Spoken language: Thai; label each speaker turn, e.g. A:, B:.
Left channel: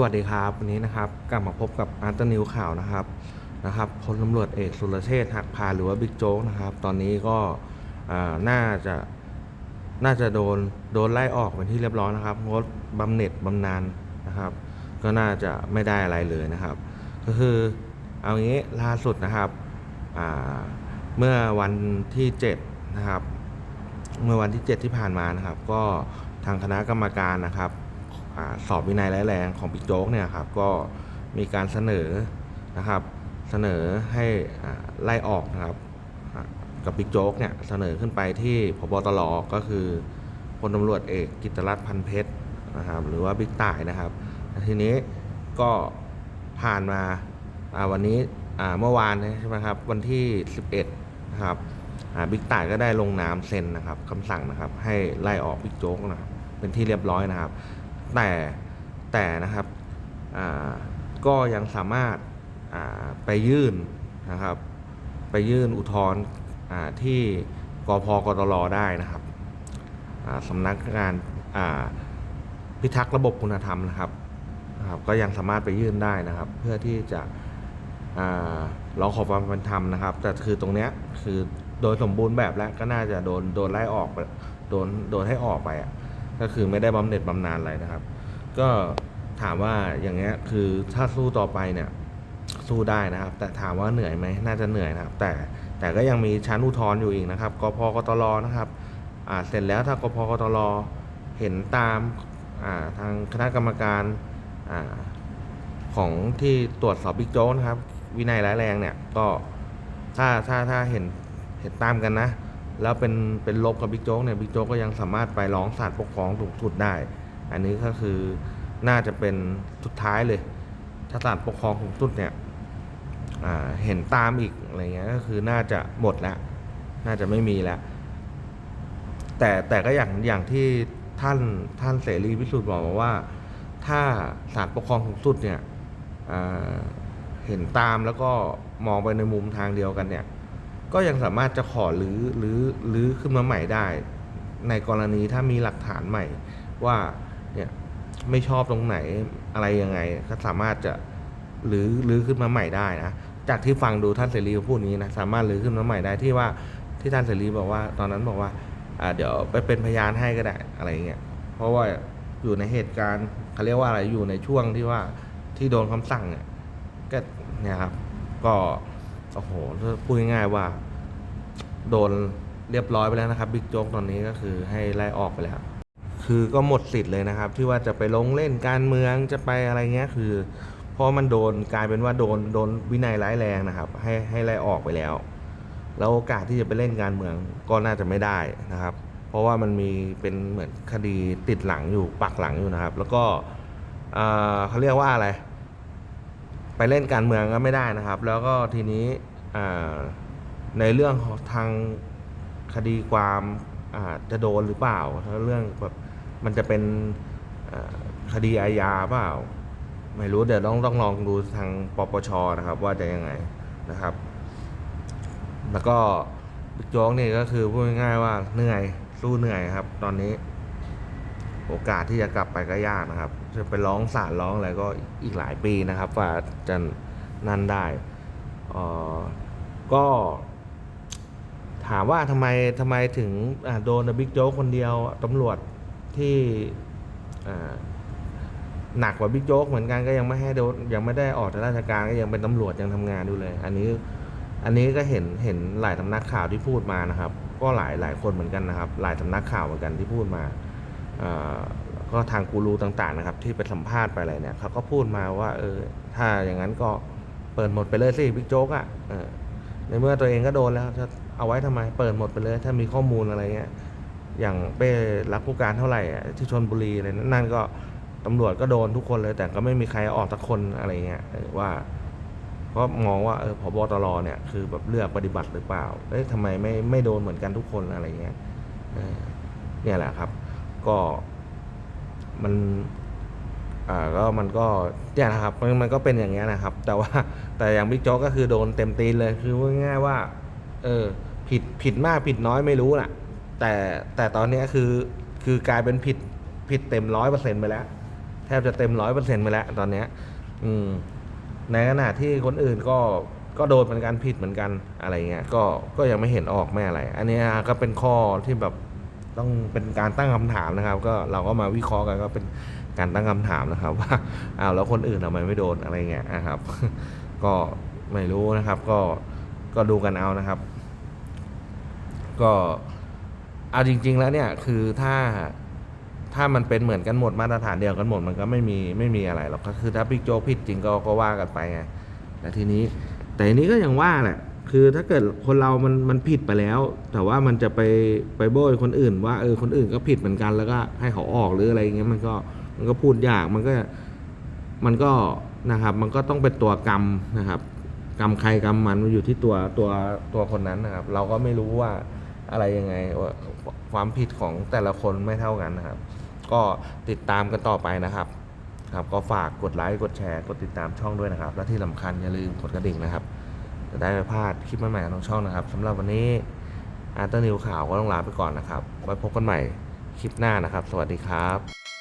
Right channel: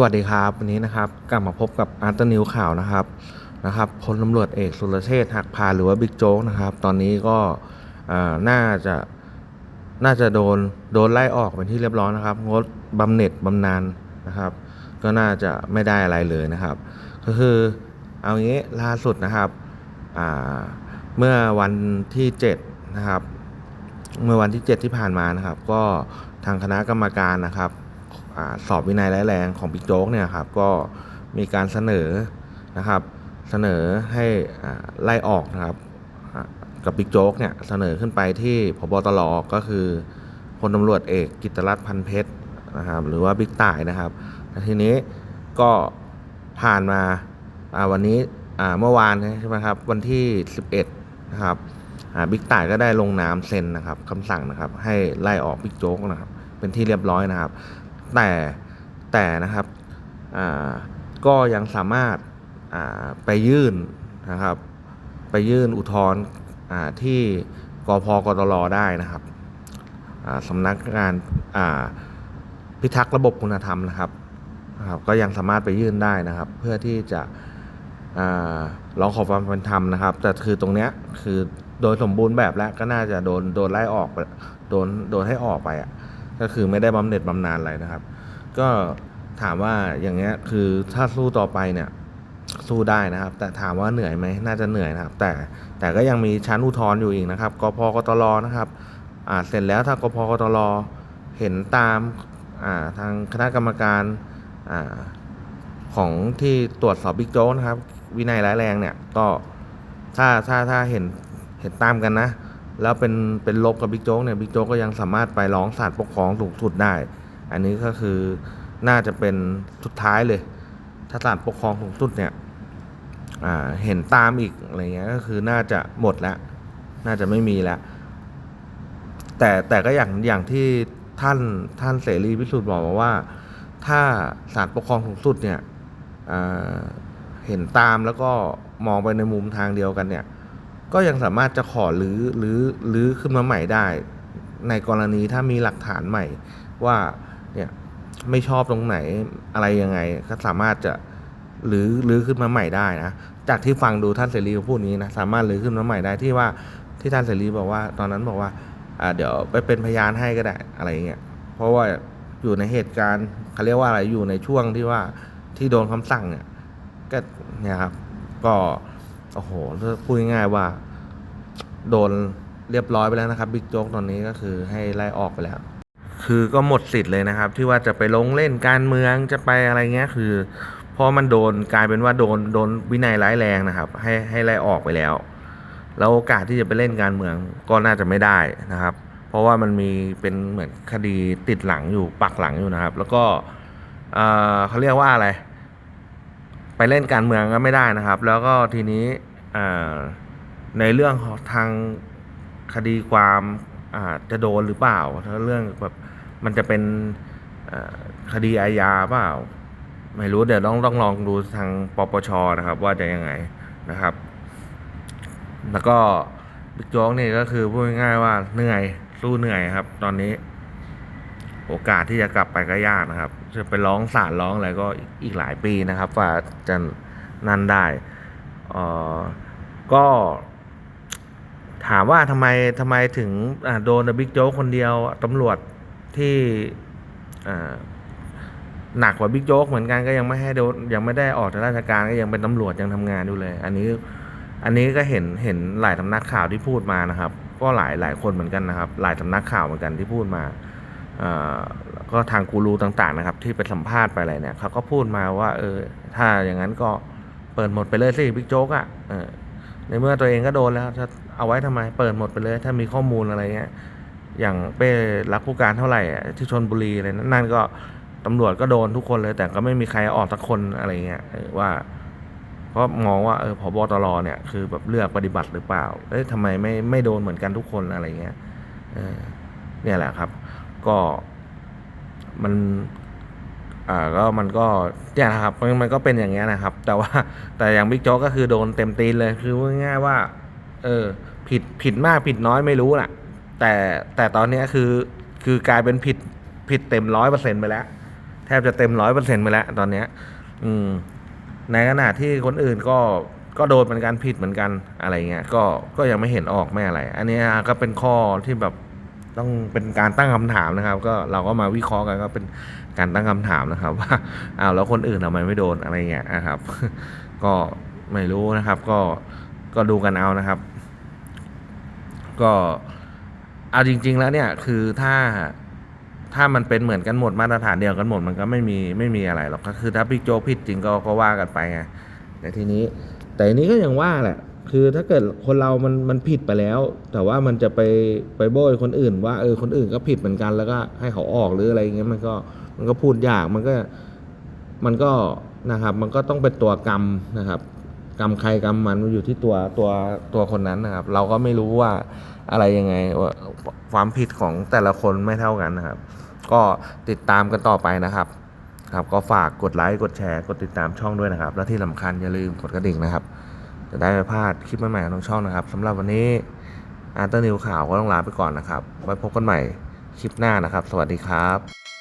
A: สวัสดีครับวันนี้นะครับกลับมาพบกับอาร์ตนิวข่าวนะครับนะครับพลตำรวจเอกสุรเชษฐ์หักพาหรือว่าบิ๊กโจ๊กนะครับ ตอนนี้ก็น่าจะน่าจะโดนโดนไล่ออกเป็นที่เรียบร้อยนะครับงดบำเหน็จบำนาญนะครับ ก็น่าจะไม่ได้อะไรเลยนะครับ ก็คือเอางี้ล่าสุดนะครับเมื่อวันที่7นะครับ เมื่อวันที่ 7 ที่ผ่านมานะครับ ก็ทางคณะกรรมการนะครับ อสอบวินัยร้ายแรงของบิ๊กโจ๊กเนี่ยครับก็มีการเสนอนะครับเสนอให้ไล่ออกนะครับกับบิ๊กโจ๊กเนี่ยเสนอขึ้นไปที่พบตรก็คือพลตำรวจเอกกิตรัตน์พันเพชรนะครับหรือว่าบิ๊กต่ายนะครับทีนี้ก็ผ่านมาวันนี้เมื่อวานใช่ไหมครับวันที่ 11นะครับบิ๊กต่ายก็ได้ลงนามเซ็นนะครับคำสั่งนะครับให้ไล่ออกบิ๊กโจ๊กนะครับเป็นที่เรียบร้อยนะครับ แต่แต่นะครับก็ยังสามารถไปยื่นนะครับ ไปยื่นอุทธรณ์ที่กพกตรได้นะครับสำนักงานพิทักษ์ระบบคุณธรรมนะครับนะครับ ก็ยังสามารถไปยื่นได้นะครับ เพื่อที่จะร้องขอความเป็นธรรมนะครับ แต่คือตรงเนี้ยคือโดยสมบูรณ์แบบแล้วก็น่าจะโดนโดนไล่ออกโดนโดนให้ออกไปอะ ก็คือไม่ได้บำเหน็จบำนาญอะไรนะครับ ก็ถามว่าอย่างเงี้ยคือถ้าสู้ต่อไปเนี่ยสู้ได้นะครับ แต่ถามว่าเหนื่อยไหมน่าจะเหนื่อยนะครับ แต่แต่ก็ยังมีชั้นอุทธรณ์อยู่อีกนะครับกพกตรนะครับอ่าเสร็จแล้วถ้ากพกตรเห็นตามอ่าทางคณะกรรมการอ่าของที่ตรวจสอบบิ๊กโจ๊กนะครับ วินัยร้ายแรงเนี่ยก็ถ้าถ้าถ้าเห็นเห็นตามกันนะ แล้วเป็นเป็นลบกับบิ๊กโจ๊กเนี่ยบิ๊กโจ๊กก็ยังสามารถไปร้องศาลปกครองสูงสุดได้ อันนี้ก็คือน่าจะเป็นสุดท้ายเลย ถ้าศาลปกครองสูงสุดเนี่ยเห็นตามอีกอะไรเงี้ยก็คือน่าจะหมดแล้ว น่าจะไม่มีแล้วแต่แต่ก็อย่างอย่างที่ท่านท่านเสรีพิสุทธิ์บอกมาว่า ถ้าศาลปกครองสูงสุดเนี่ยเห็นตามแล้วก็มองไปในมุมทางเดียวกันเนี่ย ก็ยังสามารถจะขอรื้อรื้อรื้อขึ้นมาใหม่ได้ ในกรณีถ้ามีหลักฐานใหม่ว่าเนี่ยไม่ชอบตรงไหนอะไรยังไง ก็สามารถจะรื้อรื้อขึ้นมาใหม่ได้นะจากที่ฟังดูท่านเสรีพูดนี้นะสามารถรื้อขึ้นมาใหม่ได้ที่ว่าที่ท่านเสรีบอกว่า ตอนนั้นบอกว่าอ่าเดี๋ยวไปเป็นพยานให้ก็ได้อะไรเงี้ยเพราะว่าอยู่ในเหตุการณ์เขาเรียกว่าอะไรอยู่ในช่วงที่ว่าที่โดนคำสั่งเนี่ยก็เนี่ยครับก็ อ้โหพูดง่ายๆว่า โดนเรียบร้อยไปแล้วนะครับบิ๊กโจ๊กตอนนี้ก็คือให้ไล่ออกไปแล้ว คือก็หมดสิทธิ์เลยนะครับ ที่ว่าจะไปลงเล่นการเมืองจะไปอะไรเงี้ยคือเพราะมันโดนกลายเป็นว่าโดนโดนวินัยร้ายแรงนะครับ ให้ให้ไล่ออกไปแล้วแล้วโอกาสที่จะไปเล่นการเมืองก็น่าจะไม่ได้นะครับ เพราะว่ามันมีเป็นเหมือนคดีติดหลังอยู่ปักหลังอยู่นะครับ แล้วก็เอ่อเขาเรียกว่าอะไร ไปเล่นการเมืองก็ไม่ได้นะครับ แล้วก็ทีนี้ ในเรื่องทางคดีความจะโดนหรือเปล่าถ้าเรื่องแบบมันจะเป็นคดีอาญาเปล่า ไม่รู้เดี๋ยวต้องต้องลองดูทางปปชนะครับ ว่าจะยังไงนะครับ แล้วก็บิ๊กโจ๊กนี่ก็คือพูดง่ายๆว่าเหนื่อยสู้เหนื่อยครับ ตอนนี้ โอกาสที่จะกลับไปก็ยากนะครับ จะไปร้องศาลร้องอะไรก็อีกหลายปีนะครับว่าจะนั่นได้ ก็ถามว่าทำไมทำไมถึงโดนบิ๊กโจ๊กคนเดียวตำรวจที่หนักกว่าบิ๊กโจ๊กเหมือนกันก็ยังไม่ให้โดนยังไม่ได้ออกจากราชการก็ยังเป็นตำรวจยังทำงานอยู่เลย อันนี้อันนี้ก็เห็นเห็นหลายสำนักข่าวที่พูดมานะครับ ก็หลายหลายคนเหมือนกันนะครับ หลายสำนักข่าวเหมือนกันที่พูดมาก็ทางกูรูต่างๆนะครับ ที่ไปสัมภาษณ์ไปอะไรเนี่ยเขาก็พูดมาว่าเออถ้าอย่างนั้นก็ เปิดหมดไปเลยสิบิ๊กโจ๊กอะออในเมื่อตัวเองก็โดนแล้วจะเอาไว้ทำไมเปิดหมดไปเลย ถ้ามีข้อมูลอะไรเงี้ยอย่างเป้รักผู้การเท่าไหร่ที่ชนบุรีอะไรนั่นก็ตำรวจก็โดนทุกคนเลย แต่ก็ไม่มีใครออกสักคนอะไรเงี้ยว่าเพราะมองว่าเออพบตรเนี่ย คือแบบเลือกปฏิบัติหรือเปล่าเอ้ยทำไมไม่ไม่โดนเหมือนกันทุกคนอะไรเงี้ยเนี่ยแหละครับ ก็มัน อ่าก็มันก็เนี่ยนะครับมันมันก็เป็นอย่างเงี้ยนะครับ แต่ว่าแต่อย่างบิ๊กโจ๊กก็คือโดนเต็มตีนเลยคือง่ายๆว่า เออผิดผิดมากผิดน้อยไม่รู้น่ะ แต่แต่ตอนเนี้ยคือคือกลายเป็นผิดผิดเต็มร้อยเปอร์เซ็นต์ไปแล้ว แทบจะเต็มร้อยเปอร์เซ็นต์ไปแล้ว ตอนเนี้ย อืม ในขณะที่คนอื่นก็ก็โดนเหมือนกันผิดเหมือนกันอะไรเงี้ยก็ก็ยังไม่เห็นออกไม่อะไร อันนี้ก็เป็นข้อที่แบบต้องเป็นการตั้งคำถามนะครับ ก็เราก็มาวิเคราะห์กันก็เป็น การตั้งคำถามนะครับว่าอ้าวแล้วคนอื่นทำไมไม่โดนอะไรเงี้ยนะครับ ก็ไม่รู้นะครับ ก็ก็ดูกันเอานะครับ ก็เอาจริง ๆ แล้วเนี่ยคือถ้าถ้ามันเป็นเหมือนกันหมดมาตรฐานเดียวกันหมดมันก็ไม่มีไม่มีอะไรหรอกก็คือ ถ้าพี่โจผิดจริงก็ก็ว่ากันไปไงแต่ทีนี้ แต่นี้ก็ยังว่าแหละคือถ้าเกิดคนเรามันมันผิดไปแล้ว แต่ว่ามันจะไปไปโบยคนอื่น ว่าเออคนอื่นก็ผิดเหมือนกันแล้วก็ให้เขาออกหรืออะไรเงี้ยมันก็ มันก็พูดยากมันก็มันก็นะครับ มันก็ต้องเป็นตัวกรรมนะครับ กรรมใครกรรมมันมันอยู่ที่ตัวตัวตัวคนนั้นนะครับ เราก็ไม่รู้ว่าอะไรยังไงว่าความผิดของแต่ละคนไม่เท่ากันนะครับ ก็ติดตามกันต่อไปนะครับ ครับ ก็ฝากกดไลค์กดแชร์กดติดตามช่องด้วยนะครับ และที่สำคัญอย่าลืมกดกระดิ่งนะครับ จะได้ไม่พลาดคลิปใหม่ๆของช่องนะครับสำหรับวันนี้อาร์ตนิวข่าวก็ต้องลาไปก่อนนะครับ ไว้พบกันใหม่คลิปหน้านะครับ สวัสดีครับ